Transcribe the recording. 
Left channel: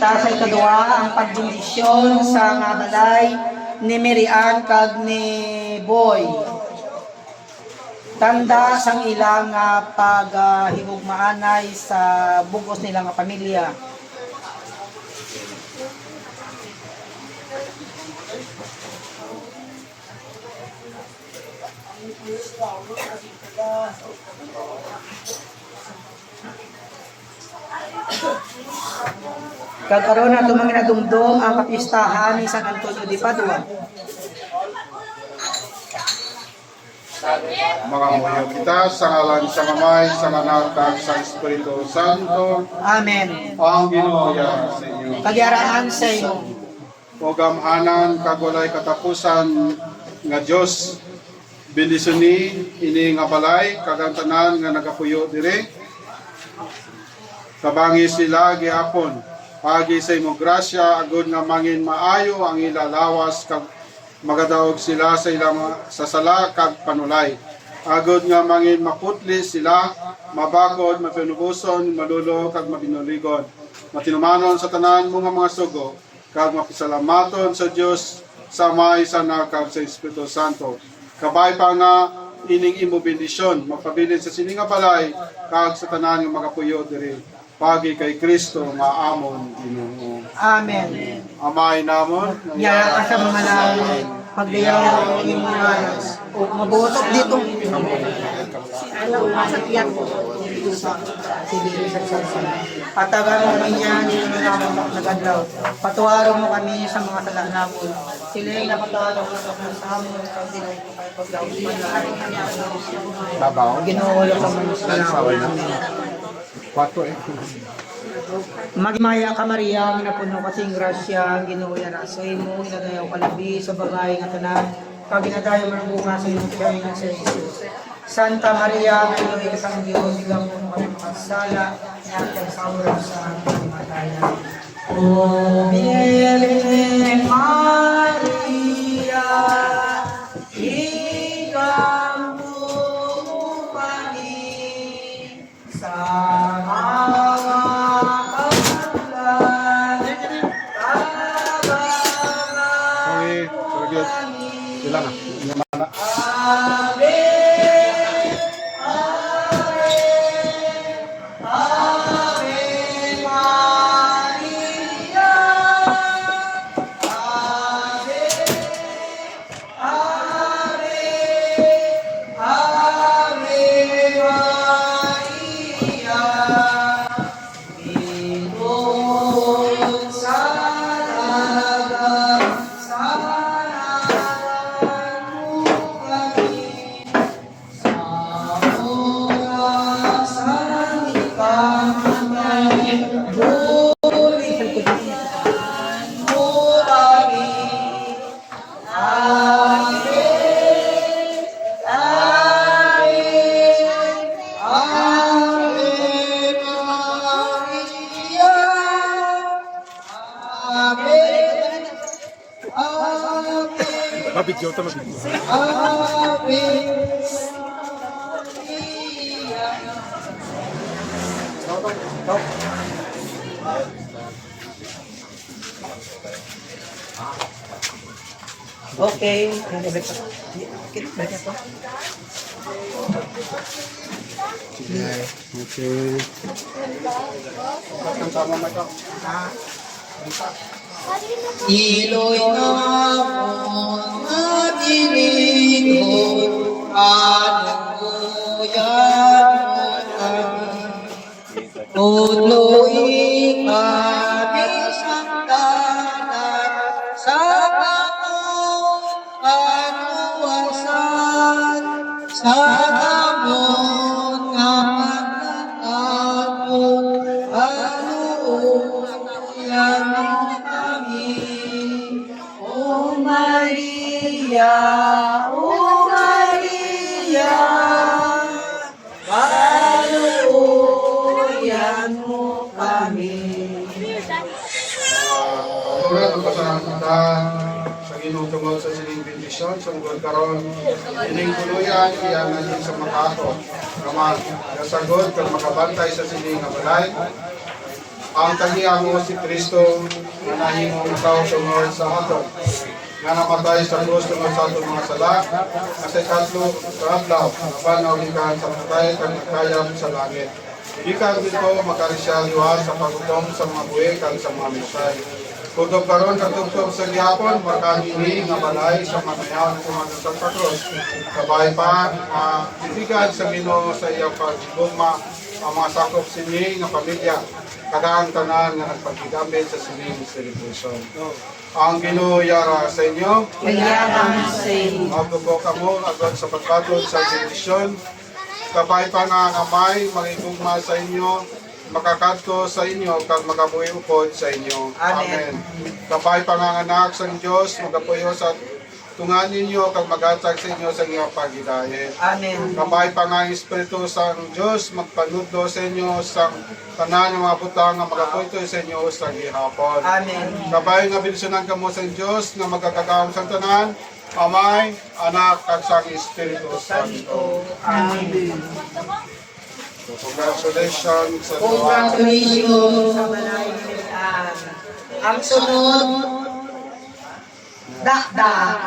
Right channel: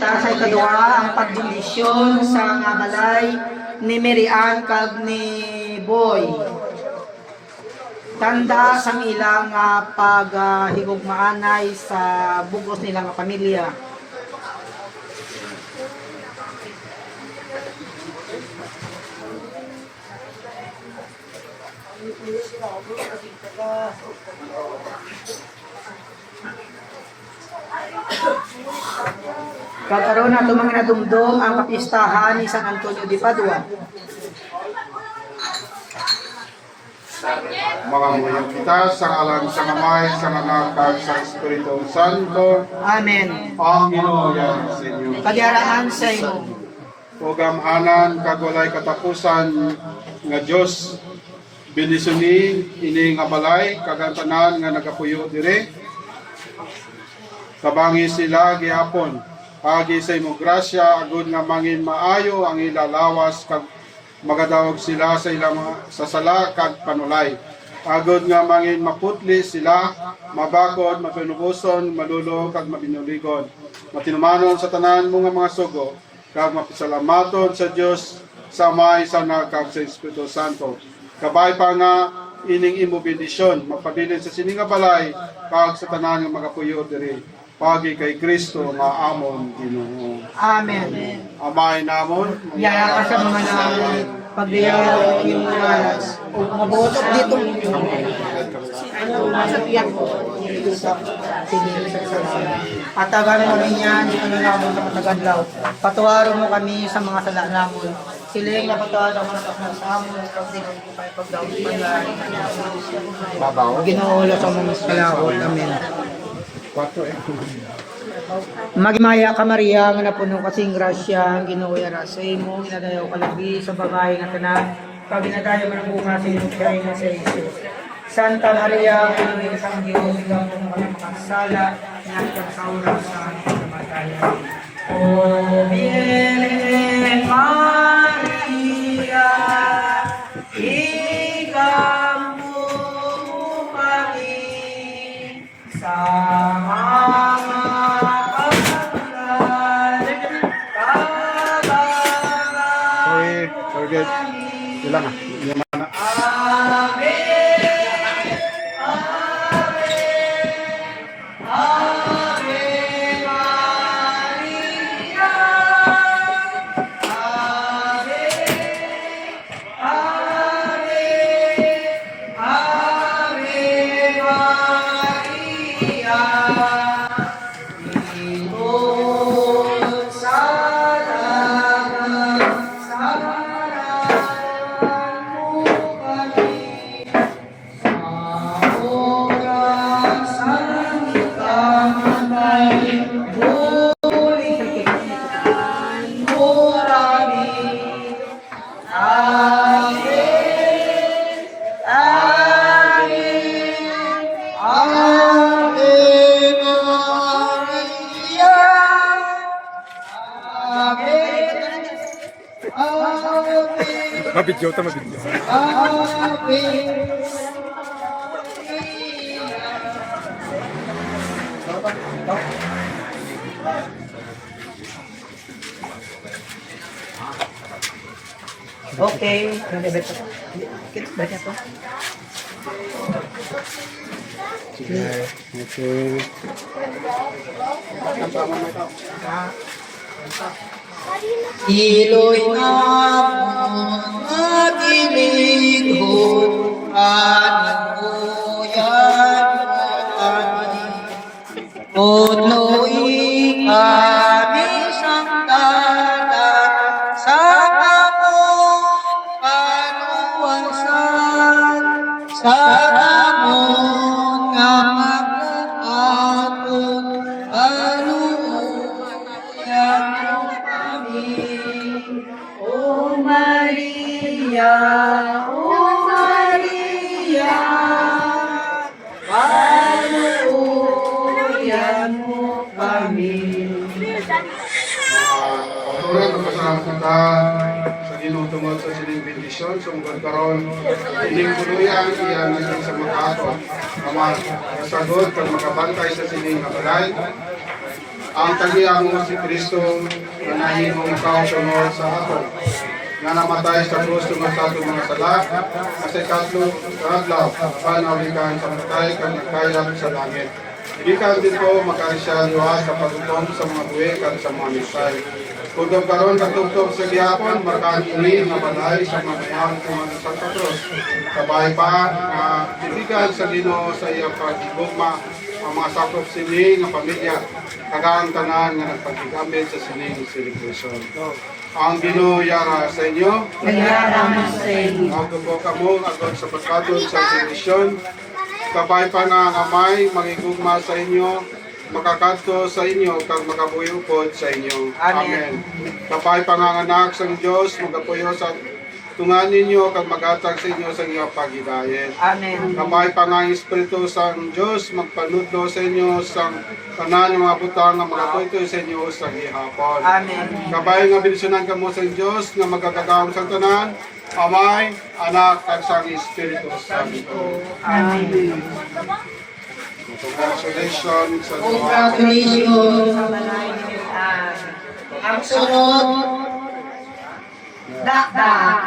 Sa ikaduha ang pagbundisyon sa nga balay ni Mirian kag ni Boy. Tanda sang ilang paghigugmaanay sa bugos nila nga pamilya. Kagkaroon na tumangin na dumdum ang kapistahan ni San Antonio de Padua. Mga muyo kita sa ngalan sa Amay, sa Anak, at sa Espiritu Santo. Amen. Ang Ginoo sa inyo. Kagyarangan sa inyo. Ugamhanan kagulay katapusan nga Dios bendisuni ini nga balay kagantanan nga nagapuyo dire. Kabangi sila gihapon. Agi sa imong grasya agud nga mangin maayo ang ila lawas kag magadawog sila sa ilang sasala kag panulay. Agud nga mangin maputli sila, mabakod, mapinubuson, malulo kag mabinuligon. Matinumanon sa tanan mo nga mga sugo kag mapisalamaton sa Dios sa Amay, sa Anak kag sa Espiritu Santo. Kabay pa nga ining imo bendisyon magpabilin sa sining nga balay kag sa tanan nga magapuyo diri. Pagi kay Kristo nga amon Ginoo. Amen. Amay namon, Yara ka sa mga namin, pagdiyaw ng mga alas, o mabutot dito. Sa tiyak ko. Patagan mo rin yan, dito na namin sa nagaglaw. Patuwaro mo kami sa mga sadak namin. Siling na patuwaro mo sa mga amin, pagdiyaw ko kayo pagdaw. Babaw. Ginuulo sa mga salaw. Amen. Magmaya ka Maria nga napuno kasing grasya ang Ginoo yara sa imo inadayaw kalabi sa bagay nga tanan kag ginadayo man ang bunga sa imong tiyan nga sa Jesus. Santa Maria Pinoy sang Dios igam mo kami makasala nga sa oras sa kamatayan. O Virgen Maria igam mo kami sa Good. Ilang ah. Yan na. Mabidyo ta mabidyo. Okay, baca po. Okay. Iloy na mga tinigod ano yan kami punuin kami sang tanan sa among kanuwasan sa among kamag-atong yan O Maria, panuoyan mo kami. Patuloy ko kasalanan kita sa Ginoo tungod sa sining bendisyon sa ungod karon ining tuluyan iyan sa mga ato. Kamas kasagot kag makabantay sa sining nga balay. ang tagiya mo si Kristo na nahimong ikaw sunod sa aton nga namatay sa krus tungod sa atong mga sala at sa ikatlo adlaw panawikan sa patay kang nagkayam sa langit. Ikan din ko makarisya liwas sa pagutong sa mga buwi kang sa mga misay. Kutob karon katugtog sa gihapon makakini nga balay sa mga mayang tumanong sa krus. Kabay pa ibigan sa Ginoo sa iyang paggugma ang mga sakop sini nga pamilya kadaang tanan nga nagpagkigamit sa sining celebration. Ang Ginoo yara sa inyo. Kaya sa iyo. Magdubo kamo agad sa pagkatod sa benedisyon. Kabay pa nga kamay magigugma sa inyo, makakadto sa inyo kag makabuhi upod sa inyo. Amen. Kabay pa nga anak sa Dios magapuyo sa tungan ninyo kag magatag sa inyo sa inyong paghidayen. Amen. Kabay pa nga ang Espiritu sa Diyos, magpanudlo sa inyo sa tanan ng mga butang nga magatoy sa inyo sa gihapon. Amen. Kabay nga binisyonan kamo sa Diyos nga magkakagawang sa tanan, Amay, Anak, at sa Espiritu Santo. Amen. Congratulations sa Congratulations sa balay ni Ang sunod, dakdak.